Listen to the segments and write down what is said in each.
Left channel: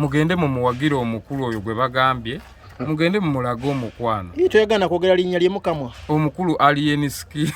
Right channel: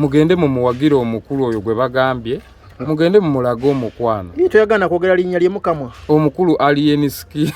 mugende mumuwagira omukulu oyo gwe bagambye mugende mumulaga omukwano toyagana kwogera linnya lye mukamwa omukulu alieniski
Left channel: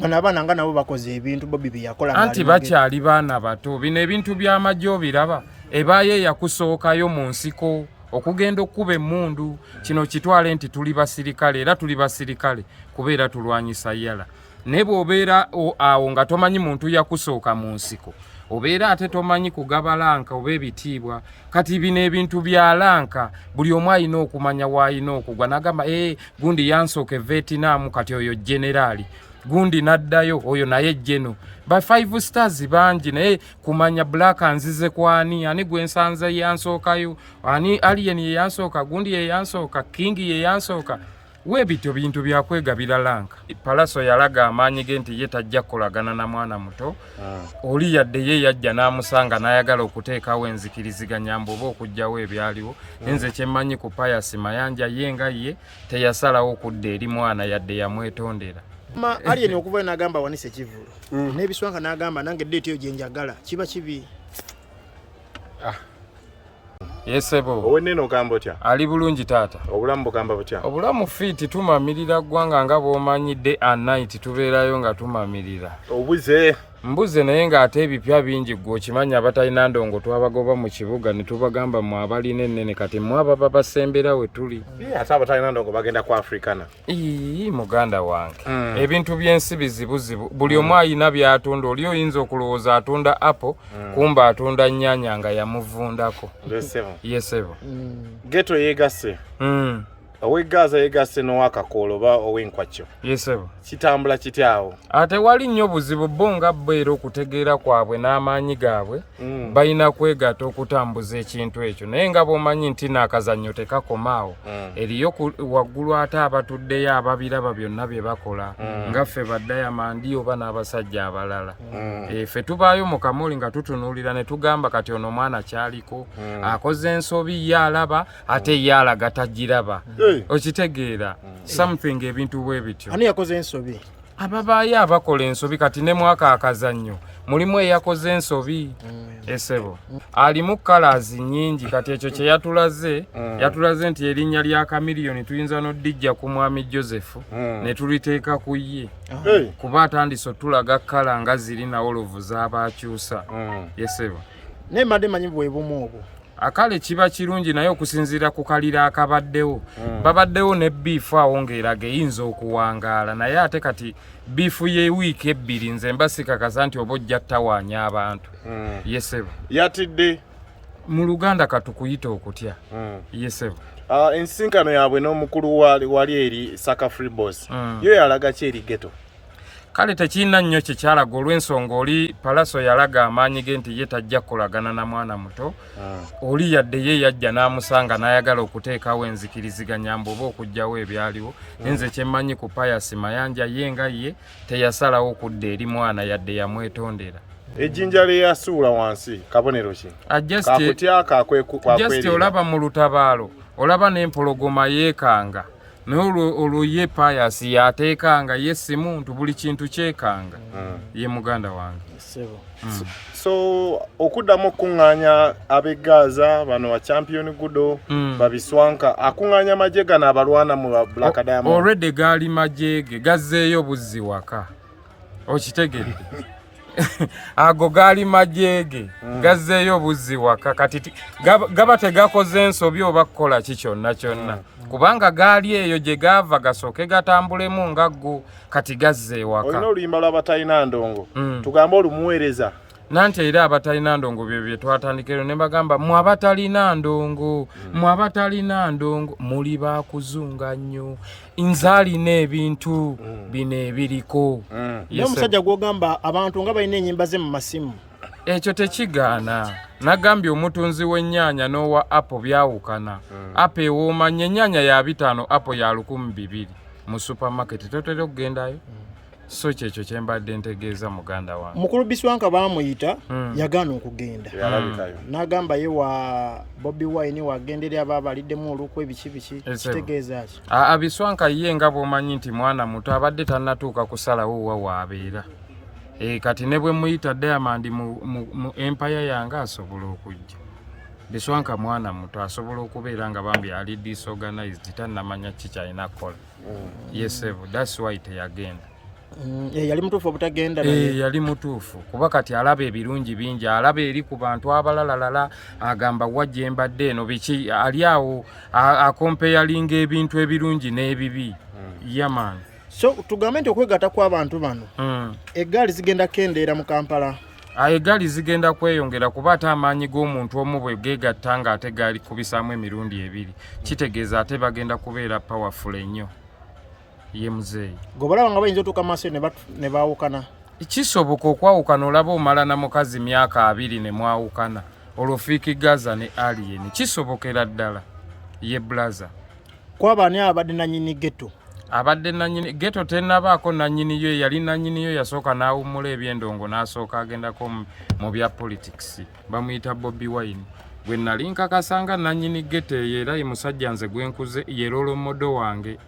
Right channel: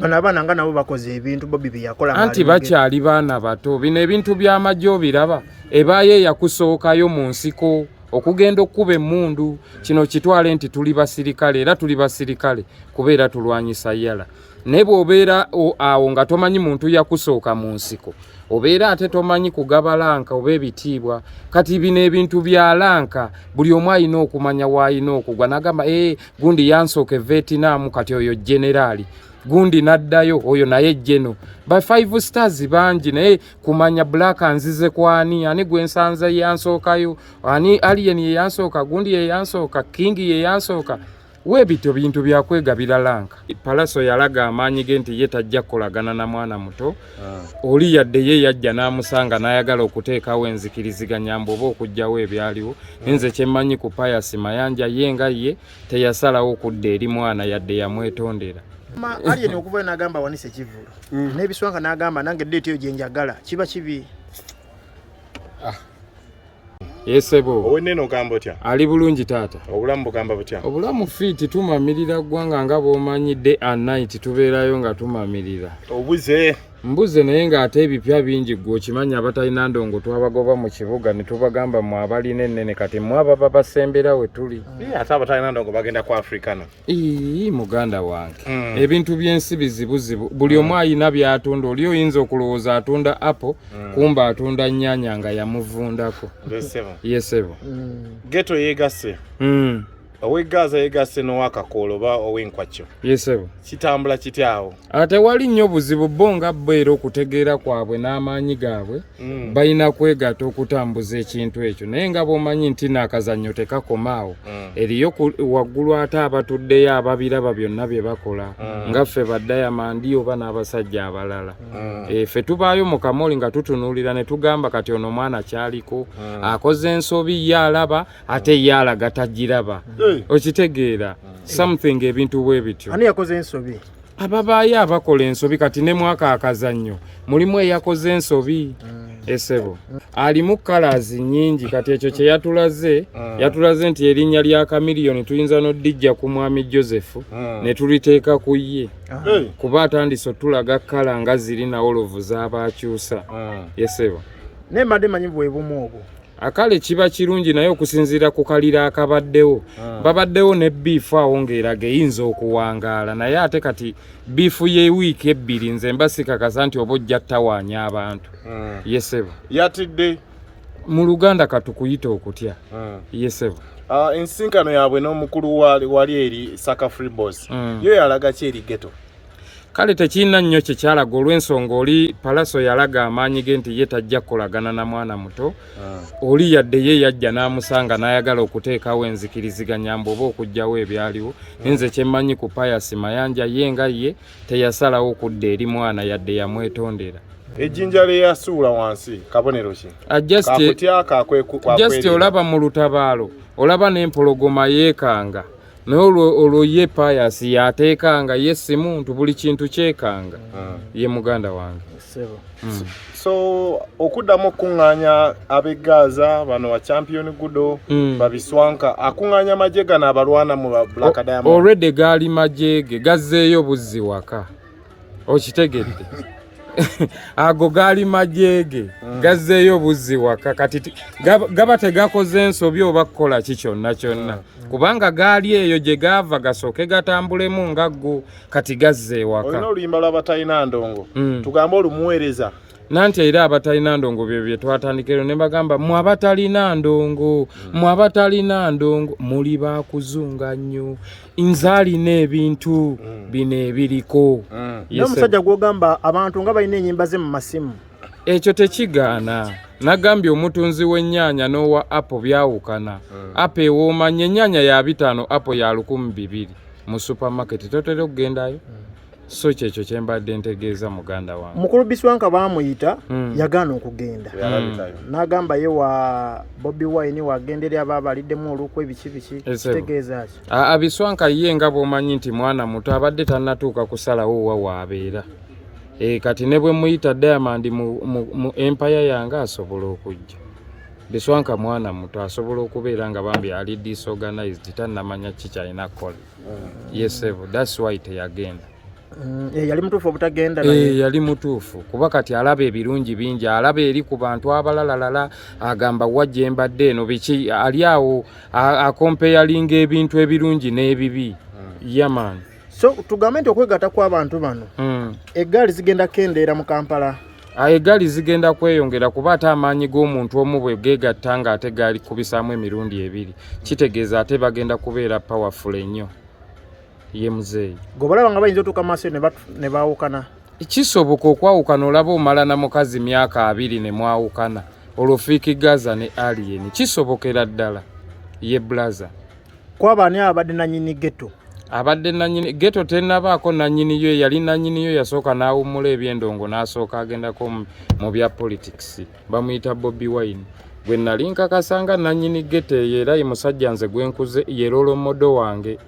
bana abaana nga nabo bakoze ebintu Bobby byeyakola anti bakyali baana bato bino ebintu by'amajjo biraba ebaaye yakusookayo mu nsiko okugenda okkuba emmundu kino kitwale nti tuli basirikale era tuli basirikale kubeera tulwanyisa yala naye bw'obeera awo nga tomanyi muntu yakusooka mu nsiko obeera ate tomanyi kugaba lanka oba ebitiibwa kati bino ebintu bya lanka buli omu alina okumanya w'alina okugwa n'agamba gundi yansooka e Vietnam kati oyo generaali gundi naddayo oyo naye jeno ba 5 stars bangi naye kumanya black anzize kwani ani gwensanze yansookayo ani alien ye yansooka gundi ye yansooka king ye yansooka webito bintu byakwegabira lanka palaso yalaga amaanyi ge nti ye tajja kolagana na mwana muto oli yadde ye yajja n'amusanga n'ayagala okuteekawo enzikiriziganya mboba okujjawo ebyaliwo nze kyemmanyi ku Pius Mayanja ye nga ye teyasalawo okudda eri mwana yadde yamwetondera alien okuva n'agamba wanise kivulu n'ebiswanga n'agamba nange ddeeti eyo gye njagala kiba kibi yesebo owenneno ogamba otya ali bulungi taata obulamu bugamba butya obulamu fiiti tumamirira ggwanga nga bw'omanyi day and night tubeerayo nga tumamirira obuze mbuze naye ng'ate ebipya bingi gwe okimanya abatalina ndongo twabagoba mu kibuga ne tubagamba mwe abalina ennene kati mwe ababa basembera we tuli ate abatalina ndongo bagenda ku Africana muganda wange ebintu by'ensi bizibuzibu buli omu alina by'atunda oli oyinza okulowooza atunda apple kumba atunda nnyaanya nga yamuvundako yesebo geto yeegase ow'eggaza yeegasse n'owakakoolo oba ow'enkwakyo yesebo kitambula kityawo ate wali nnyo buzibu bo nga bo era okutegeera kwabwe n'amaanyi gaabwe balina kwegatta okutambuza ekintu ekyo naye nga bw'omanyi nti n'akazannyo tekakomaawo eriyo waggulu ate abatuddeyo ababiraba byonna bye bakola nga ffe baddayamandi oba n'abasajja abalala ffe tubaayo mu kamoli nga tutunuulira ne tugamba kati ono mwana kyaliko akoze ensobi ye alaba ate ye alaga tagiraba okitegeera something ebintu bwe bityo ani yakoze ensobi ababaayo abakola ensobi kati ne mwaka akazannyo mulimu eyakoze ensobi esebo alimu colors nyingi kati ekyo kye yatulaze nti erinnya lya Chameleon tuyinza n'oddijja ku mwami Joseph ne tuliteeka ku ye kuba atandiso tulaga kala nga ziri na olovu z'abakyusa yesebo naye mbadde manyi bwe bumu obwo akale kiba kirungi naye okusinziira ku kalira akabaddewo babaddewo ne biifu awo ng'eraga eyinza okuwangaala naye ate kati biifu y'ewiiki ebbiri nze mbasikakasa nti oba ojja ttawaanya abantu yesebo yatidde mu Luganda katukuyita okutya yesebo ensinkano yaabwe n'omukulu wali eri Saka Free Boss yo yalaga ki eri geto kale tekirina nnyo kyekyalaga olw'ensonga oli palaso yalaga amaanyi ge nti ye tajja kukolagana na mwana muto oli yadde ye yajja n'amusanga n'ayagala okuteekawo enzikiriziganya mboba okujjawo ebyaliwo nze kyemmanyi ku Pius Mayanja ye nga ye teyasalawo okudda eri mwana yadde yamwetondera ejjinja lye yasuula wansi kabonero ki just olaba mu lutabaalo olaba n'empologoma yeekanga naye olwo ye Pius yateekanga ye si muntu buli kintu kyekanga ye muganda wange so okuddamu okuŋŋaanya ab'eggaza bano wa champion gudo babiswanka akuŋŋaanya magye gano abalwana mu Black Diamond already gaali majege gazzeeyo buzzi waka okitegedde ago gaali majege gazzeeyo buzzi waka kati gaba tegakoze ensobi oba kukola ki kyonna kyonna kubanga gaali eyo gye gaava gasooke gatambulemu nga go kati gazze waka olina oluyimba lw'abatalina ndongo tugambe olumuweereza nanti era abatalina ndongo bye twatandikiro ne bagamba mwe abatalina ndongo muli bakuzunga nnyo nzaalina ebintu bino ebiriko n'omusajja gw'ogamba abantu nga balina ennyimba ze mu masimu ekyo tekigaana nagambye omutunzi w'ennyaanya n'owa apo byawukana apo ewoomanya ennyaanya ya 5 apo ya 1200 mu supermarket totera okugendayo so kyekyo kyembadde ntegeeza muganda wange mukulu Biswanka baamuyita yagaana okugenda n'agamba ye wa Bobi Wine wagenderera ababaliddemu olukwe ebiki kitegeeza ki Biswanka ye nga bw'omanyi nti mwana muto abadde tannatuuka kusalawo wa waabeera kati ne bwe muyita Diamond mu empire yange asobola okujja Biswanka mwana muto asobola okubeera nga bambi ali disorganized tannamanya kikyalina kukola. Yes, that's why teyagenda. Yali mutuufu obutagenda naye. Yali mutuufu kuba kati alaba ebirungi bingi, alaba eri ku bantu abalalalala, agamba wajja embadde eno biki, ali awo akompeyalinga ebintu ebirungi n'ebibi. Yaman. So tugambe nti okwegatta kw'abantu bano eggaali zigenda kendeera mu Kampala. Eggaali zigenda kweyongera kuba ate amaanyi g'omuntu omu bwe geegatta nga ate gaali kubisaamu emirundi ebiri, kitegeeza ate bagenda kubeera powerful ennyo. Ye muzeeyi gobalaba nga bayinza otuuka maaso ne baawukana. Kisoboka okwawukana, olaba omala na mukazi myaka 2 ne mwawukana, olwo Fiiki Gaza ne Alien kisobokera ddala. Ye blaza kwabani abadde nanyini ghetto. Abadde nanyini ghetto tennabaako nanyini yo, yali nanyini yo yasooka n'awummula ebyendongo n'asooka agendako mu bya politics. Bamuyita Bobi Wine. Gwe nali nkakasanga nanyini ghetto era ye musajja nze gwenkuze ye role model wange.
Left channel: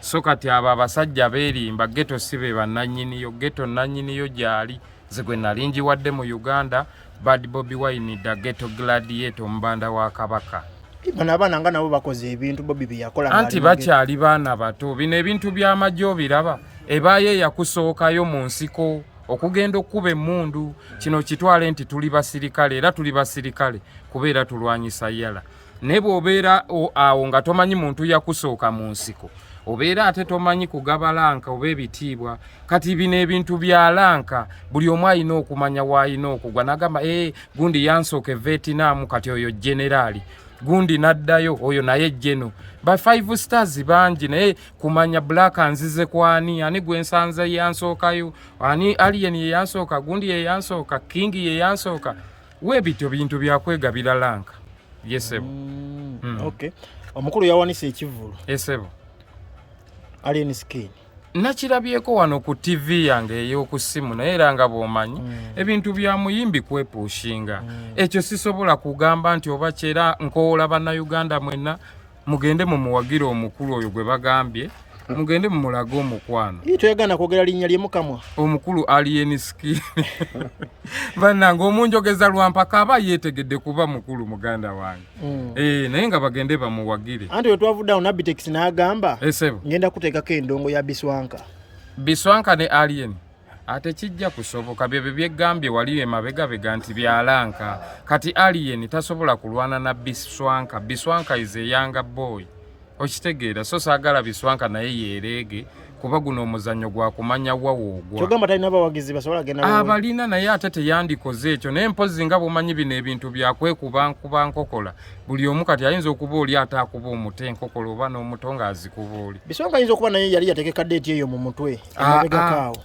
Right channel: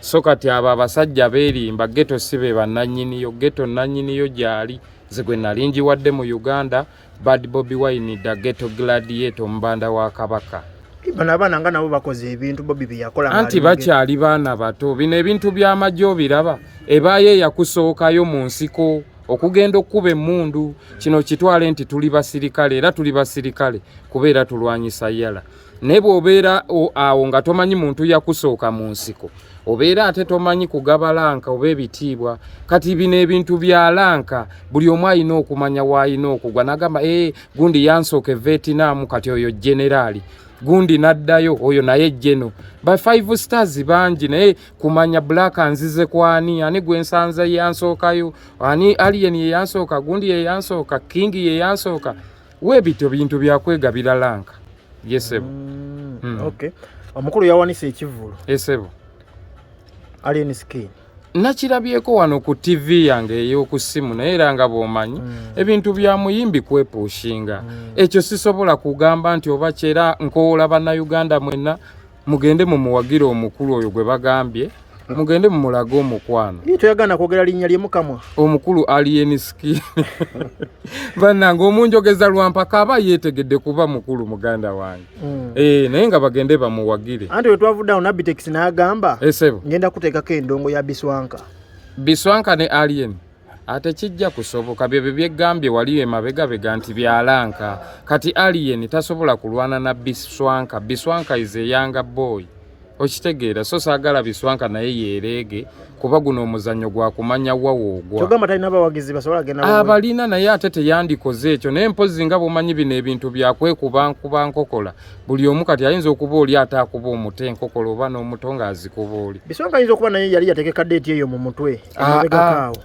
So kati abo abasajja beerimba ghetto sibe bannanyini yo, ghetto nanyini yo gyali nze gwe nali njiwadde mu Uganda. Bad Bobi Wine da ghetto gladiator mbanda wa Kabaka. Bana abaana nga nabo bakoze ebintu Bobi byakola nga anti bakyali baana bato. Bino ebintu by'amagye obiraba, ebaaye yakusookayo mu nsiko okugenda okkuba emmundu. Kino kitwale nti tuli basirikale, era tuli basirikale kubeera tulwanyisa yala. Naye bw'obeera awo nga tomanyi muntu yakusooka mu nsiko, obeera ate tomanyi kugaba lanka oba ebitiibwa. Kati bino ebintu bya lanka buli omu alina okumanya w'alina okugwa. N'agamba gundi yansooka e Vietnam, kati oyo generali. Gundi naddayo oyo naye jeno. Ba 5 stars bangi naye kumanya black anzize kwani, ani gwensanza yansookayo, ani Alien ye yansooka, gundi ye yansooka, King ye yansooka. Webito bintu byakwegabira lanka. Yesebo. Okay. Omukulu yawanise ekivulu. Esebo. Alien Skin. Nakirabyeko wano ku TV yange ey'oku ssimu naye era nga bw'omanyi ebintu bya muyimbi kwepushinga. Ekyo sisobola kugamba nti oba kyera nkoola bannayuganda mwenna mugende mu muwagira omukulu oyo gwe bagambye, mugende mu mulago omukwano. Toyagana kwogera linnya lye mukamwa. Omukulu Alien Skin. Bannange omunjogeza lwampaka aba yeetegedde kuba mukulu muganda wange. Naye nga bagende bamuwagire. Anti we twavuddawo Nabitex n'agamba esebo ngenda kuteekako endongo ya Biswanka. Biswanka ne Alien ate kijja kusoboka bye byegambye wali emabegabega nti byalanka. Kati Alien tasobola kulwana na Biswanka. Biswanka is a younger boy. Okitegeera so saagala Biswanka naye yeerege kuba guno omuzannyo gwa kumanya wawoogwa. Kyogamba talina bawagizi basobola genda abalina naye ate teyandikoze ekyo. Naye mpozi nga bw'omanyi bino ebintu byakwekuba nkokola. Buli omu kati ayinza okuba oli ate akuba omuti enkokola oba n'omuto ng'azikuba oli. Biswanka ayinza okuba naye yali yateekeka deeti eyo mu mutwe.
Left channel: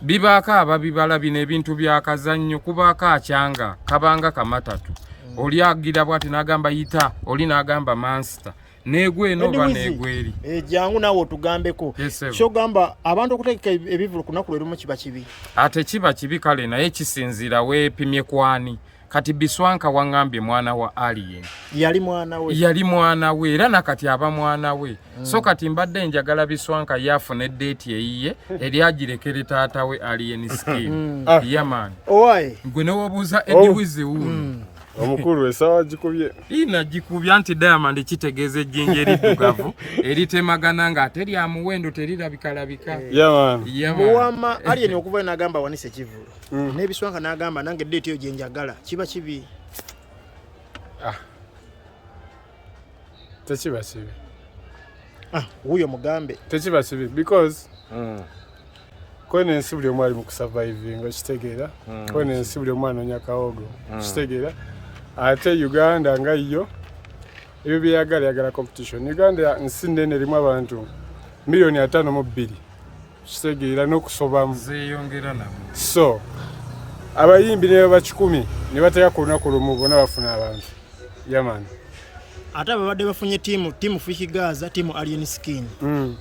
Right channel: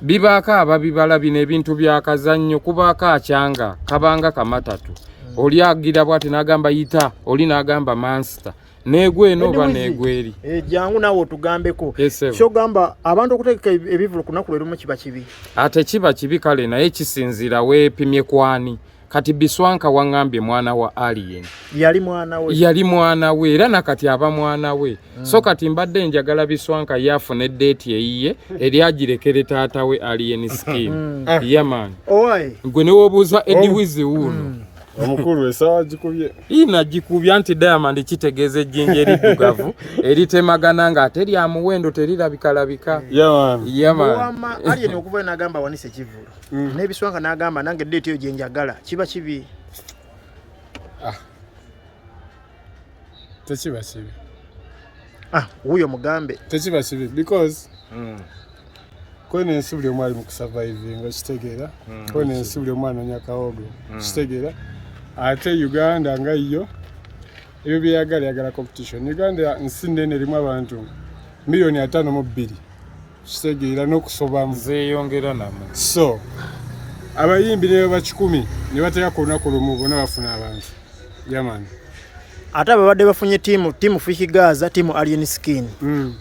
Bibaako ababibala bino ebintu byakazannyo, kubaako akyanga kabanga kamatatu. Oli agira bw'ati n'agamba yita, oli n'agamba mansita. Negwe no ba negweri. Jangu nawo tugambeko. So gamba abantu okuteeka ebivulu kunakulero mu kiba kibi. Ate kiba kibi kale naye kisinzira weepimye kwani. Kati Biswanka wangambye mwana wa Alien. Yali mwana we era nakati aba mwana we. So kati mbadde njagala Biswanka yafune date eyiye eri agirekere taata we Alien Skin. Yaman. Owai. Gwe ne wobuuza Eddie Wizi wuno. Omukulu esawa gikubye. Ina gikubye anti Diamond kitegeeze ejjinja eriddugavu eritemagana nga ate lya muwendo terirabika. Yaman. Wama Alien okuva n'agamba wanise kivulu. Ne Biswanka n'agamba nange date eyo gye njagala. Kiba kibi. Tekiba kibi. Huyo mugambe. Tekiba kibi because kwene ensi buli omwali mu kusurviving okitegeera. Kwene ensi buli omwana onyakawogo okitegeera. Ate Uganda nga iyo ebyo byagala competition. Uganda nsi nene erimu abantu milioni 5.2 kitegeera n'okusobamu zeeyongera namu. So abayimbi ne ba 10 ne bataya ku lunaku lumu bonna bafuna abantu. Yaman. Ate abadde bafunye timu Fiiki Gaza, timu Alien Skin.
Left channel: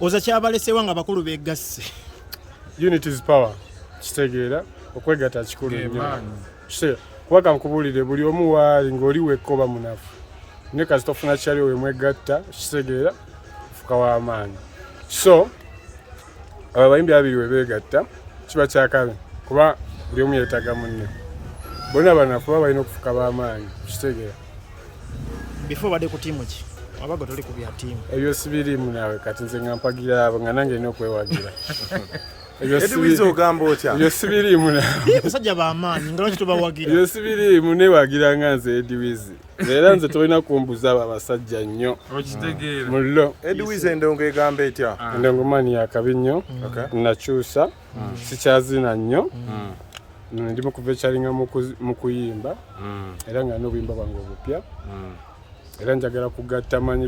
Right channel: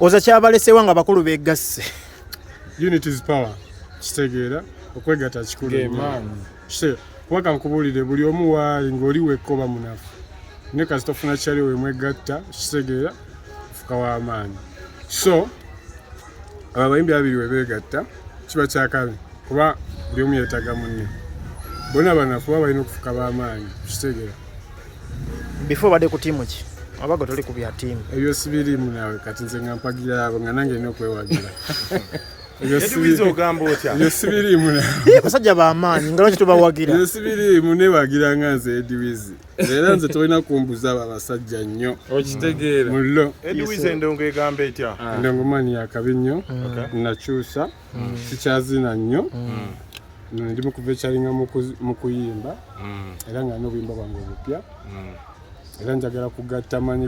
Oza kyabalesewa nga bakulu begasse. Unity is power. Kitegeera okwegata kikulu. Kuba nkubulire buli omu waali ng'oli wekkoba munafu. Ne kasitofuna kyali we mwegatta kitegeera fuka w'amaanyi. So abayimbi abiri we beegatta kiba kyakale kuba buli omu yeetaga munne. Bonna banafu baba balina okufuka b'amaanyi kitegeera. before bade ku timu ki abaga toli ku bya timu ebyo sibirimu nawe kati nze ngampagira abo nga nange nina okwewagira Edwizi ogamba otya ebyo sibirimu nawe basajja b'amaanyi nga lwaki tobawagira ebyo sibirimu newagira nga nze Edwizi era nze tolina kumbuza abo abasajja nnyo okitegeera mullo Edwizi endongo egamba etya endongo mani yakabi nnyo nakyusa sikyazina nnyo ndi mukuva ekyalinga mu kuyimba era nga n'obuyimba bwange obupya era njagala kugatta amanyi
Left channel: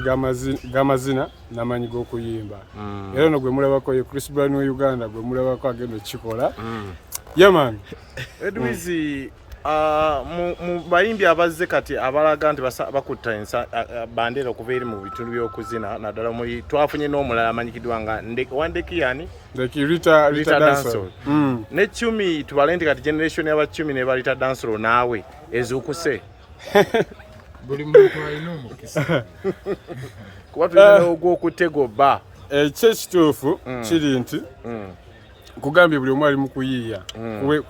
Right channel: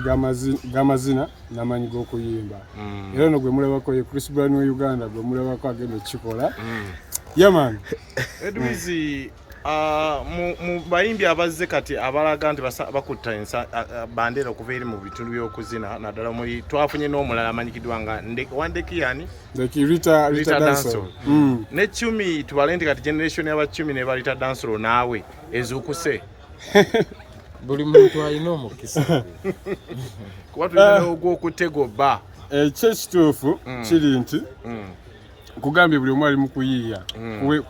g'amazina n'amanyi g'okuyimba era ono gwe mulabako ye Chris Brown wa Uganda gwe mulabako agenda ekikola yaman Edwizi mu bayimbi abazze kati abalaga nti bakutta bandera okuva eri mu bitundu by'okuzina naddala muli twafunye n'omulala amanyikiddwa nga Wandeki yani Rita Dancehall ne Chumi tubale nti kati generation y'abachumi ne balita Dancehall naawe ezuukuse buli muntu alina omukisa kuba tulina ogw'okutegoba ekituufu kiri nti kugambye buli omu ali mu kuyiiya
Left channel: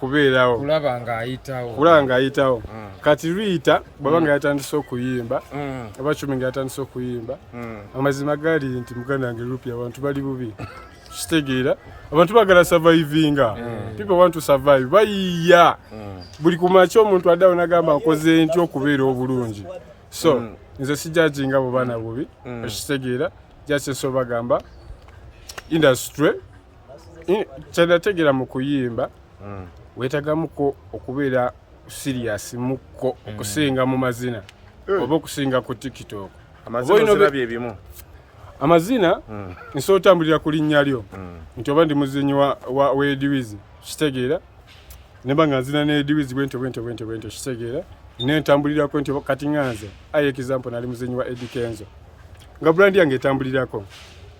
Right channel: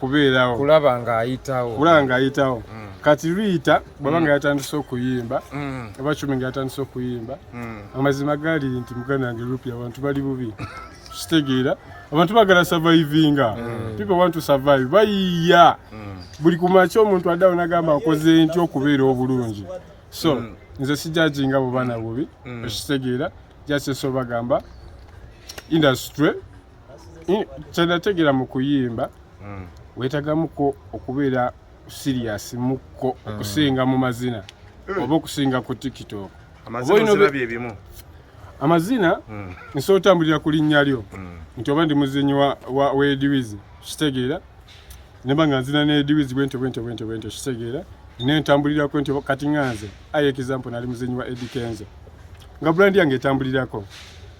kubeerawo kulaba ng'ayitawo kati Rita bwaba nga yatandise okuyimba abachumi nga yatandise okuyimba amazima gali nti muganda wange Rupi abantu bali bubi kitegeera abantu bagala survivinga people want to survive bayiiya buli kumakya omuntu addawo nagamba nkoze ntya okubeera obulungi so nze sijajinga bo baana bubi okitegeera jaseso bagamba industry kyenategeera mu kuyimba weetagamuko okubeera serious mukko okusinga mu mazina oba okusinga ku TikTok amazina bye bimu amazina nsobola otambulira ku linnya lyo nti oba ndi muzinyi wa Edwizi kitegeera neba nga nzina ne Edwizi bwento kitegeera nentambulirako nti kati nganze aye example nali muzinyi wa Eddie Kenzo nga brand yange etambulirako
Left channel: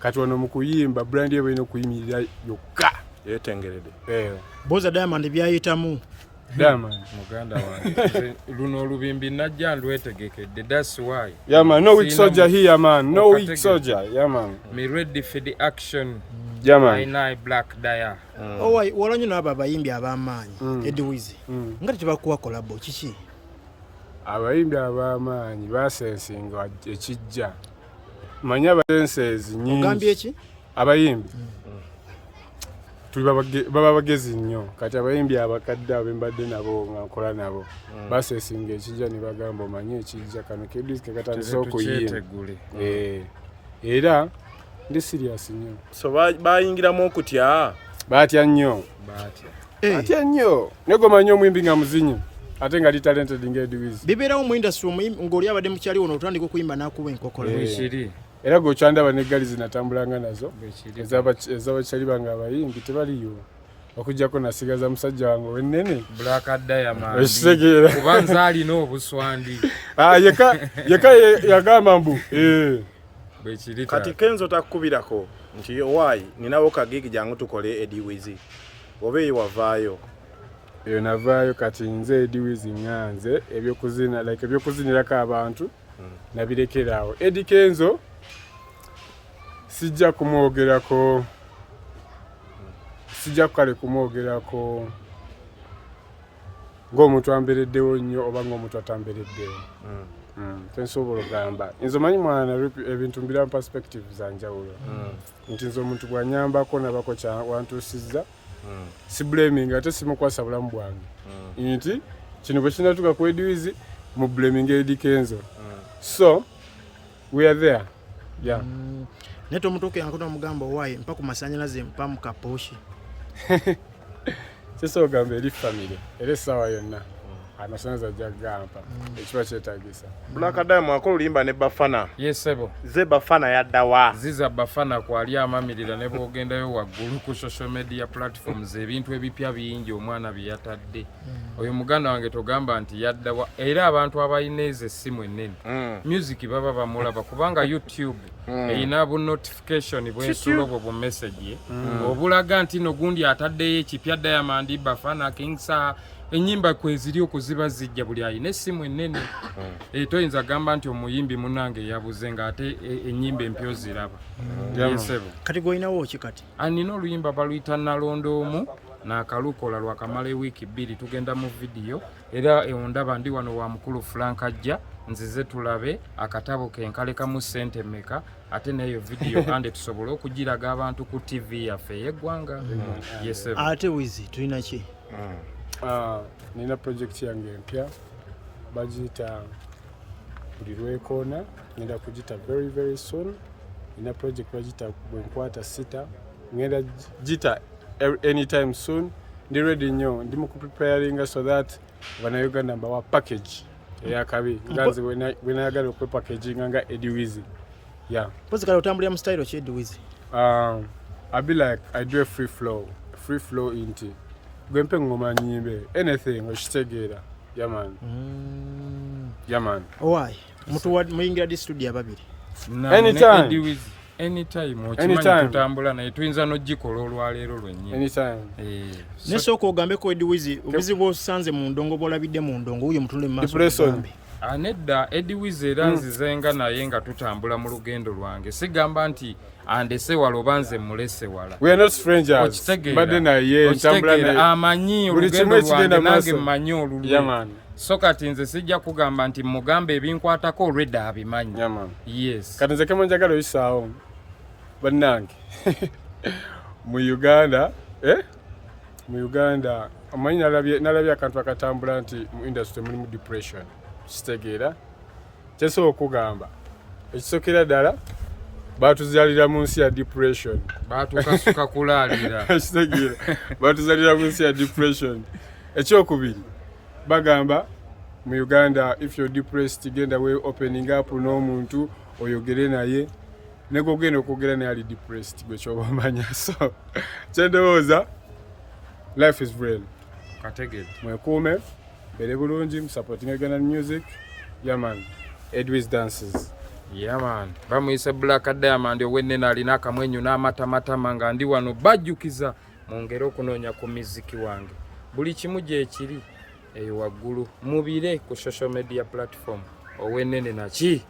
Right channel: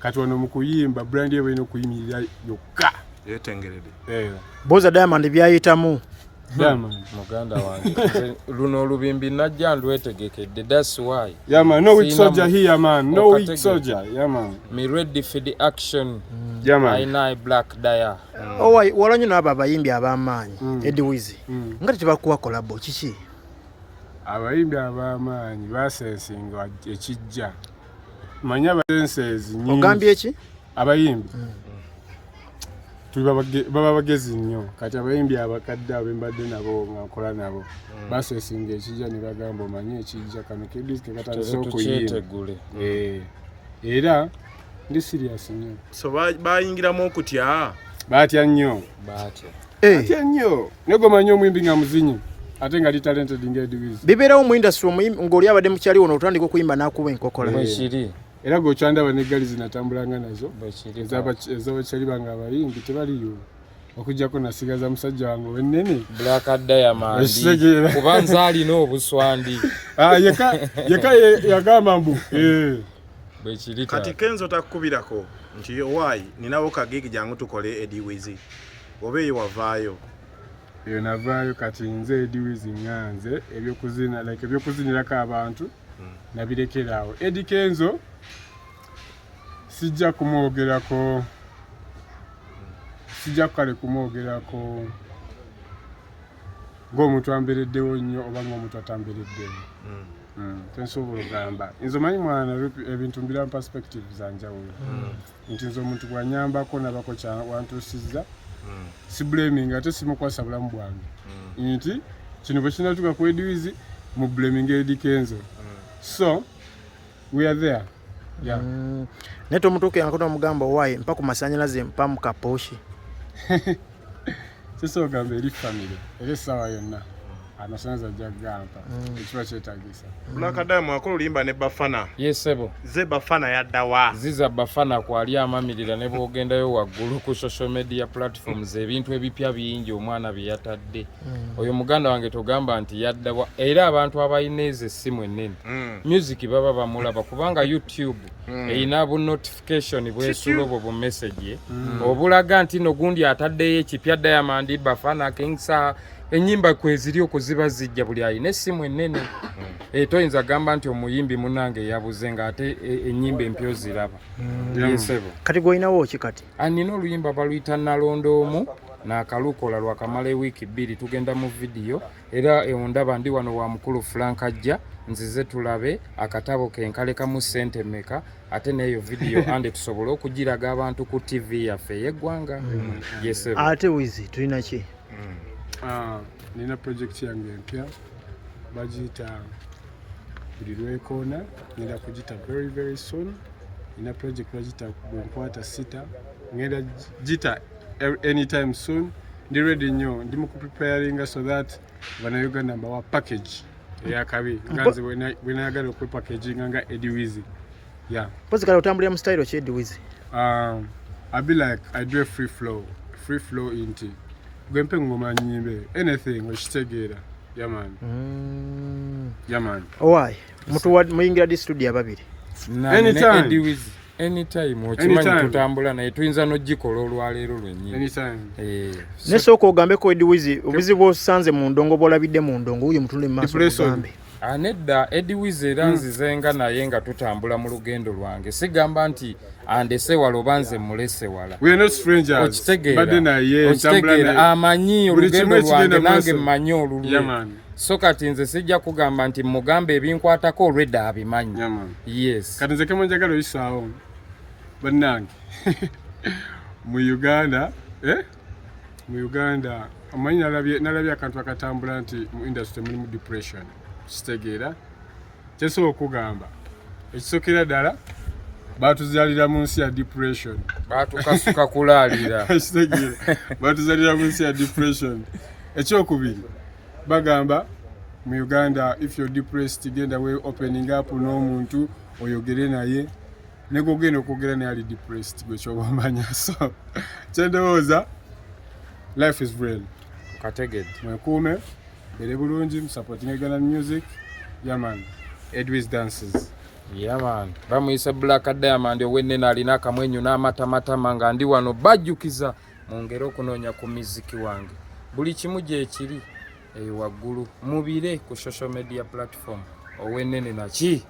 kati wano mu kuyimba brand ye balina okuyimirira yokka yetengerede Boza Diamond byayitamu muganda wange luno olubimbi najja ndwetegekedde that's why no weak soldier here man no weak soldier me ready for the action I know Black Dia owai walanyo n'abo abayimbi ab'amaanyi Edwizi nga tebakuwa kolabo kiki abayimbi ab'amaanyi basensinga ekijja manya basenses nyingi ogambye eki abayimbi baba bagezi nnyo kati abayimbi abakadde abembadde nabo nga nkola nabo basesinga ekijja ne bagamba omanye ekijja kano Edwizi tekatandise okuyimba era ndi serious nnyo so bayingiramu okutya batya nnyo nego manyi omuyimbi nga muzinyi ate nga li talented nga Edwizi bibeerawo mu industry omuyimbi ng'oli abadde mukyali wono otandika okuyimba n'akuba enkokola bwekiri era gwokyandaba n'eggali zinatambulanga nazo ez'abakyali bange abayimbi tebaliyo okujjako nasigaza musajja wange wennene Black Diamond kuba nze alina obuswandi yeka yagamba mbu bwekiri kati Kenzo takukubirako nti owaayi ninawo kagigi jangu tukole Edwizi oba eyo wavaayo eyo navaayo kati nze Edwizi nganze ebyokuzinirako abantu nabirekeraawo Eddie Kenzo sijja kumwogerako ng'omuntu ambereddewo nnyo oba ng'omuntu atambereddewo tensobola ogamba nze manyi mwana ebintu mbira mu perspective zanjawulo nti nze omuntu bwanyambako nabako wantuusizza si blaming ate simukwasa bulamu bwange nti kino bwe kinatuuka ku Edwizi mu blaming Eddie Kenzo so we are there naye tomutuuke yankono omugamba owaayi mpa ku masanyalaze mpa mu kaposhi sisa ogamba eri famire era essaawa yonna amasanalaze ajja kugampa ekiba kyetagisa Black Diamond akola olimba ne Bafana yesebo ze Bafana yaddawa ziza Bafana kwali amamirira ne bwogendayo waggulu ku social media platforms ebintu ebipya bingi omwana byeyatadde oyo muganda wange togamba nti yaddawa era abantu abalina ezo essimu ennene music baba bamulaba kubanga YouTube eyina bu notification bwesula obwo bu message obulaga nti no gundi ataddeyo ekipya Diamond Bafana Kingsa enyimba kweziri okuziba zijja buli ayina essimu ennene toyinza gamba nti omuyimbi munange yabuze nga ate enyimba empyo ziraba yesebo kati gwolinawo ki kati anina oluyimba baluyita Nalondoomu n'akalukola lwakamala ewiiki 2 tugenda mu vidiyo era ondaba ndi wano wa mukulu Frank ajja nzize tulabe akatabo ke nkalekamu ssente mmeka ate n'eyo vidiyo ande tusobole okugiraga abantu ku TV yaffe ey'eggwanga. Yes, ate Wizi tulina ki? Nina project yange empya bagiyita buli lwekoona, ngenda kugita very soon. Nina project bagiyita bwenkwata sita, ngenda gita anytime soon. Ndi ready nnyo, ndi mu preparing so that Bannayuganda mbawa package eyakabi ganze bwenayagala okwe packaging nga Eddie Wizi. Yeah. Pozi kale otambulira mu style ki Eddie Wizi? I be like I do a free flow inti. Gwempe ngoma nyimbe anything okitegeera. Yeah man. Yeah man. Why? Mutu muyingira di studio ababiri. Anytime. Eddie Wizi. Anytime okimanyi tutambula naye tuyinza n'ogikola olwaleero lwennyini. Anytime. Nesooka ogambeko Eddie Wizi obuzibu osanze mu ndongo bw'olabidde mu ndongo wuyo mutunde mu maaso ogambe. Nedda Eddie Wizi era nzizenga naye nga tutambula mu lugendo lwange sigamba nti andese wala oba nze mulese wala. We are not strangers. Okitegeera amanyi olugendo lwange nange mmanyi olulwe. So kati nze sijja kugamba nti mugambe ebinkwatako olwedda abimanyi. Yes. Kati nze kemo njagala oyisaawo bannange mu Uganda amanyi nalabye akantu akatambula nti mu industry mulimu depression. Kitegeera kyesobola okugamba ekisokera ddala batuzalira mu nsi ya depression, batukasuka kulaalira. Kitegeera batuzalira mu nsi ya depression. Ekyokubiri bagamba mu Uganda if you're depressed genda we opening up n'omuntu oyogere naye negogenda okwogera naye ali depressed gwe kyobamanya. So kyendowooza life is real. Kategedde mwekuume bere bulungi supporting Uganda music. Yeah man. Edwis dances. Yeah man. Bamuyise Black Diamond owennene alina akamwenyu n'amatamatama nga ndi wano bajjukiza mu ngero okunoonya ku miziki wange buli kimu gye ekiri waggulu mubire ku social media platform owennene naki